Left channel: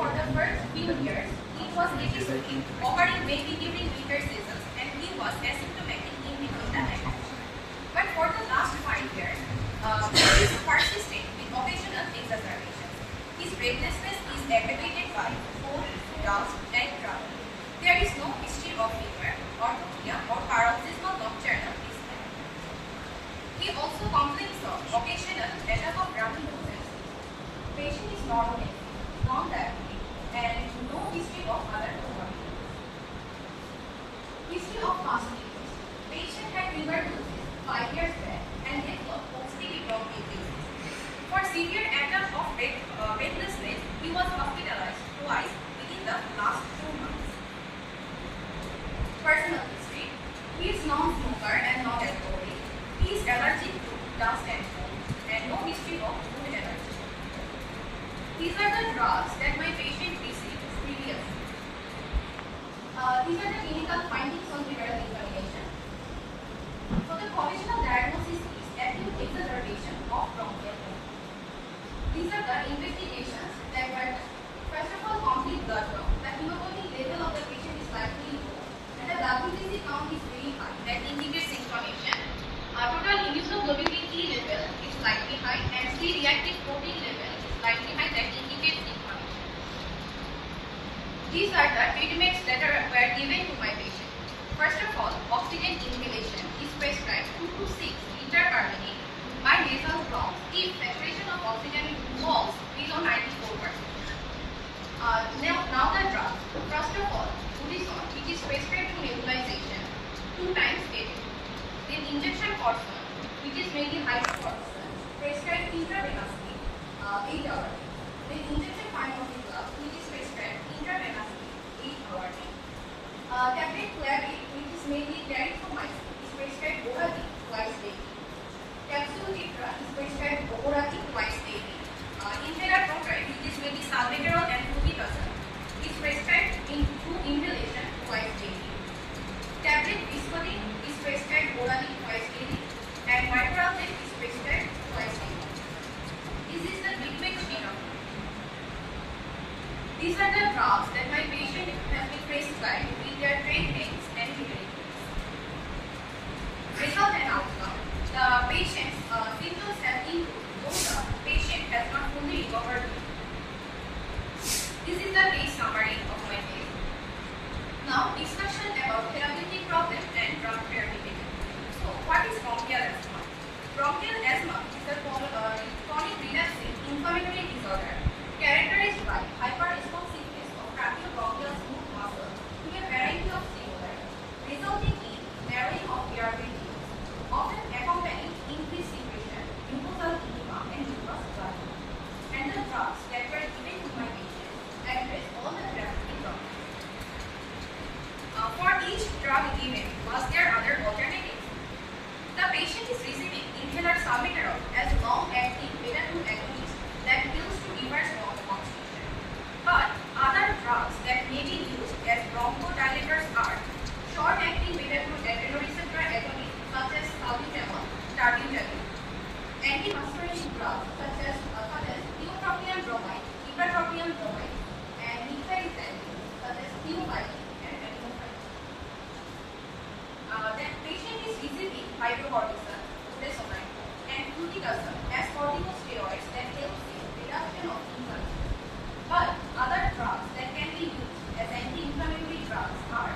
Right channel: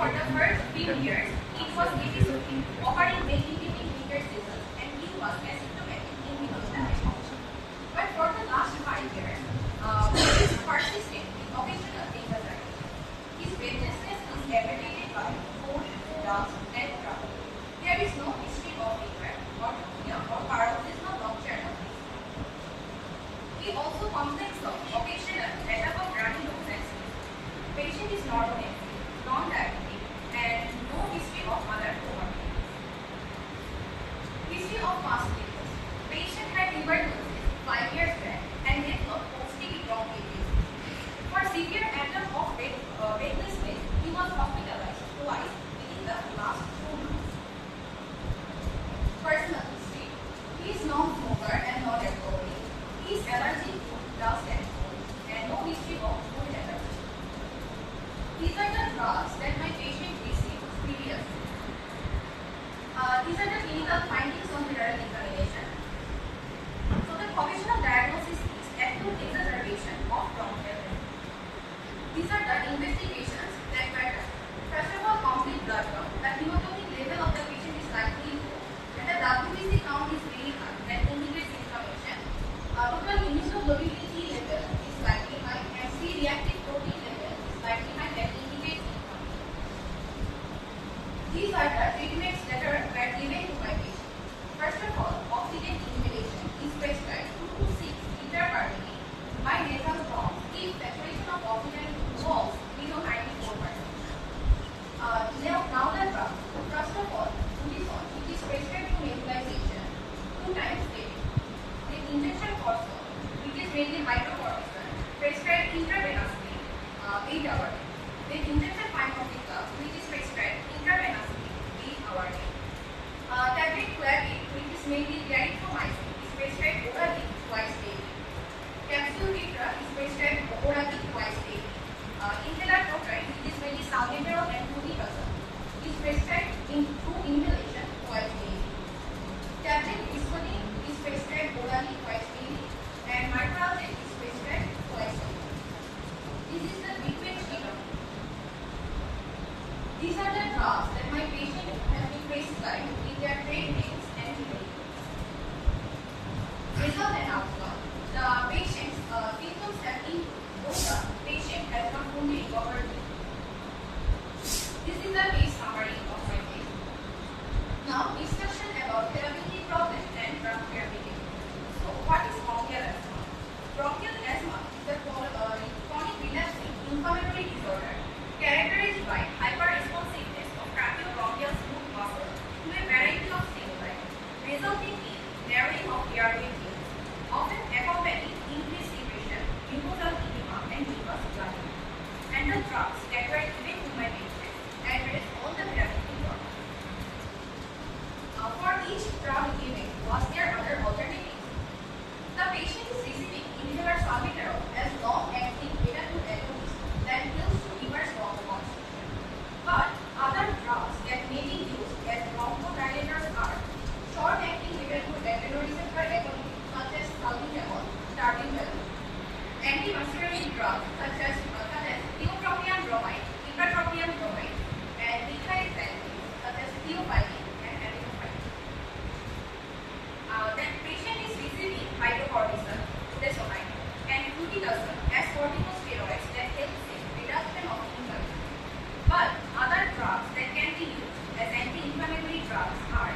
for the first few years, it was episodic, occurring mainly during winter seasons, and he was asymptomatic in between the attacks. But for the last 5 years, he is persistent with occasional exacerbations. His breathlessness is aggravated by cold, dust, and trouble. There is no history of fever, orthopnea, or paroxysmal nocturnal dyspnea. He also complains of occasional attack of runny noses. Patient is normotensive, non-diabetic, and no history of other comorbidities. History of past liquors. Patient had tuberculosis 5 years back and developed obstructive bronchitis. For severe attack of breathlessness, he was hospitalized twice within the last 2 months. Personal history. He is non-smoker and non-alcoholic. He is allergic to dust and food and no history of food allergy. These are the drugs that my patient received previously. These are the clinical findings on viral examination. So the provisional diagnosis is acute exacerbation of bronchial asthma. These are the investigations that were done. First of all, complete blood count. The hemoglobin level of the patient is slightly low, and the WBC count is very high. That indicates inflammation. Total immunoglobulin E level is slightly high, and C-reactive protein level is slightly high. That indicates inflammation. These are the treatments that were given to my patient. First of all, oxygen inhalation is prescribed 2 to 6 intracardiac by nasal route if saturation of oxygen falls below 94%. Now the drug. First of all, Budison, which is prescribed for nebulization 2 times a day. Then injection cortisone, which is mainly hydrocortisone, prescribed intravenously 8 hours. Then injection pharmacological, which is prescribed intravenously 8 hours. Tablet Flavin, which is mainly clarithromycin, is prescribed orally twice daily. Capsule Ketra is prescribed orally twice daily. Inhaler Protap, which is mainly salmeterol and fluticasone, is prescribed in 2 inhalation twice daily. Tablet Viscodin is prescribed orally twice daily, and Microlate is prescribed twice daily. This is the treatment scheme. These are the drugs that my patient has been prescribed with their trade names and generic names. Result and outcome. The patient's symptoms have improved, though the patient has not fully recovered. This is the case summary of my case. Now, discussion about therapeutic problem and drug therapeutic. So, what is bronchial asthma? Bronchial asthma is a chronic relapsing inflammatory disorder characterized by hyperresponsiveness of tracheobronchial smooth muscle to a variety of stimuli, resulting in narrowing of airway tubes, often accompanying increased secretion, mucosal edema, and mucus plug. And the drugs that were given to my patient address all the therapeutic problems. For each drug given, was there other alternatives? The patient is receiving inhaler salmeterol as long-acting beta-2 agonist that kills to reverse bronchoconstriction. But other drugs that may be used as bronchodilators are short-acting beta-2 adrenoreceptor agonists such as salbutamol, tarbutamol, antimuscarinic drugs such as tiotropium bromide, ipratropium bromide, and methylxanthine such as theophylline and aminophylline. The patient is receiving hydrocortisone, budesonide, and fluticasone as corticosteroids that help in reduction of inflammation. But other drugs that can be used as anti-inflammatory drugs are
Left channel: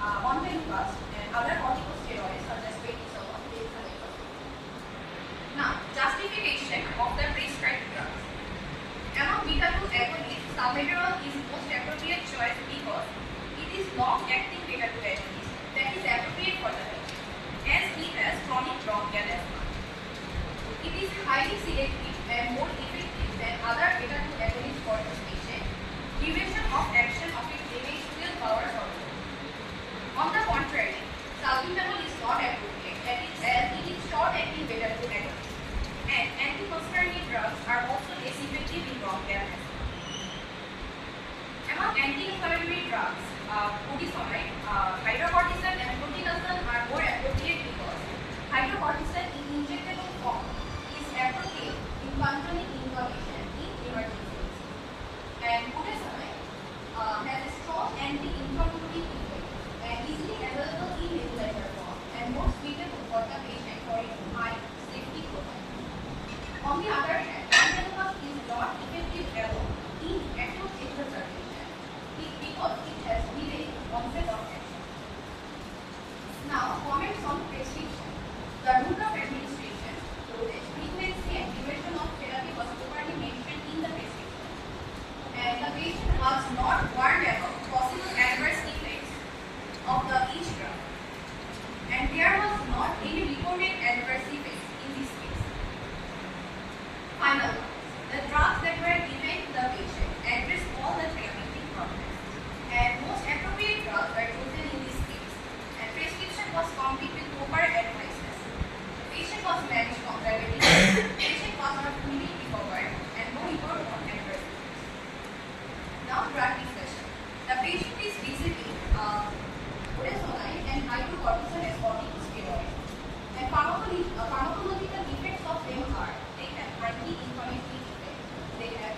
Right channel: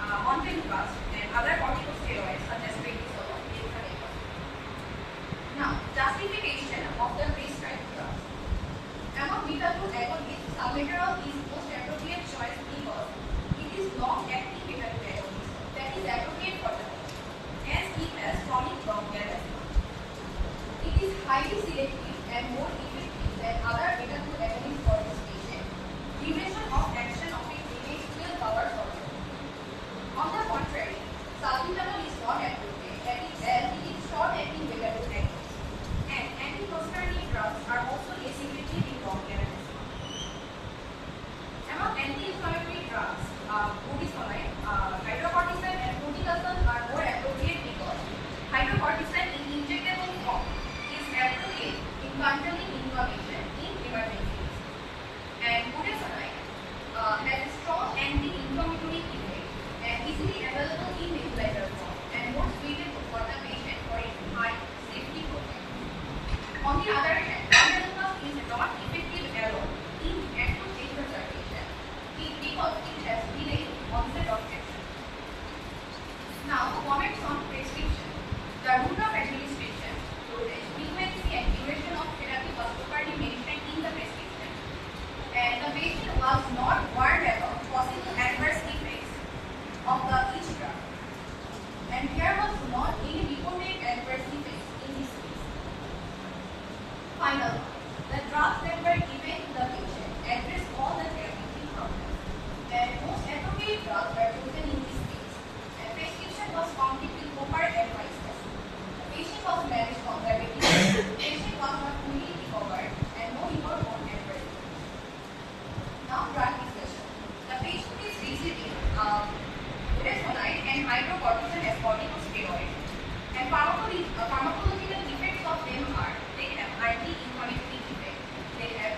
ontelukast and other corticosteroids such as reversible. Now, justification of the prescribed drugs. Among beta-2 agonists, salmeterol is most appropriate choice because it is long-acting beta-2 agonist that is appropriate for the patient, as it has chronic bronchial asthma. It is highly selective and more effective than other beta-2 agonists for this patient. Duration of action of it remains 12 hours or more. On the contrary, salbutamol is not appropriate as it is short-acting beta-2 agonist, and antimuscarinic drugs are also less effective in bronchial asthma. Among anti-inflammatory drugs, budesonide, hydrocortisone, and fluticasone are more appropriate because hydrocortisone in injectable form is appropriate in controlling inflammation in emergencies, and budesonide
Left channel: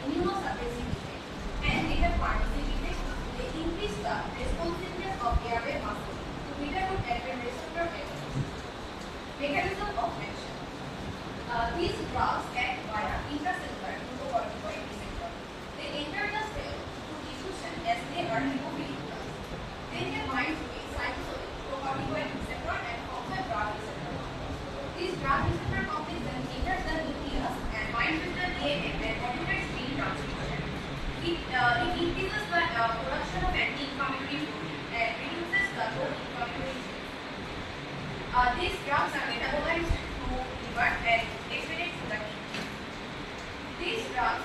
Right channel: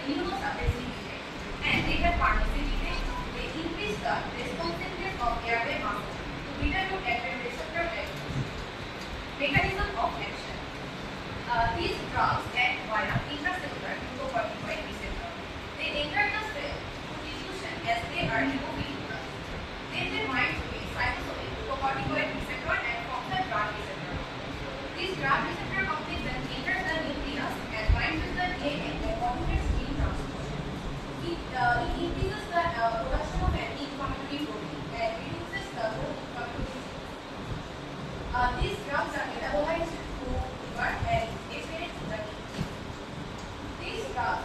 immunosuppressive effect, and they have pharmacy effect. They increase the responsiveness of airway muscle to beta active receptor agonist. Mechanism of action. These drugs act via intracellular glucocorticoid receptor. They enter the cell through diffusion as they are lipophilic. Then they bind to a cytosolic glucocorticoid receptor and form a drug receptor. This drug receptor complex then enters the nucleus and binds with the DNA and modulates gene transcription. It increases the production of anti-inflammatory protein and reduces the low inflammatory genes. These drugs are metabolized through liver and excreted through the kidney. These drugs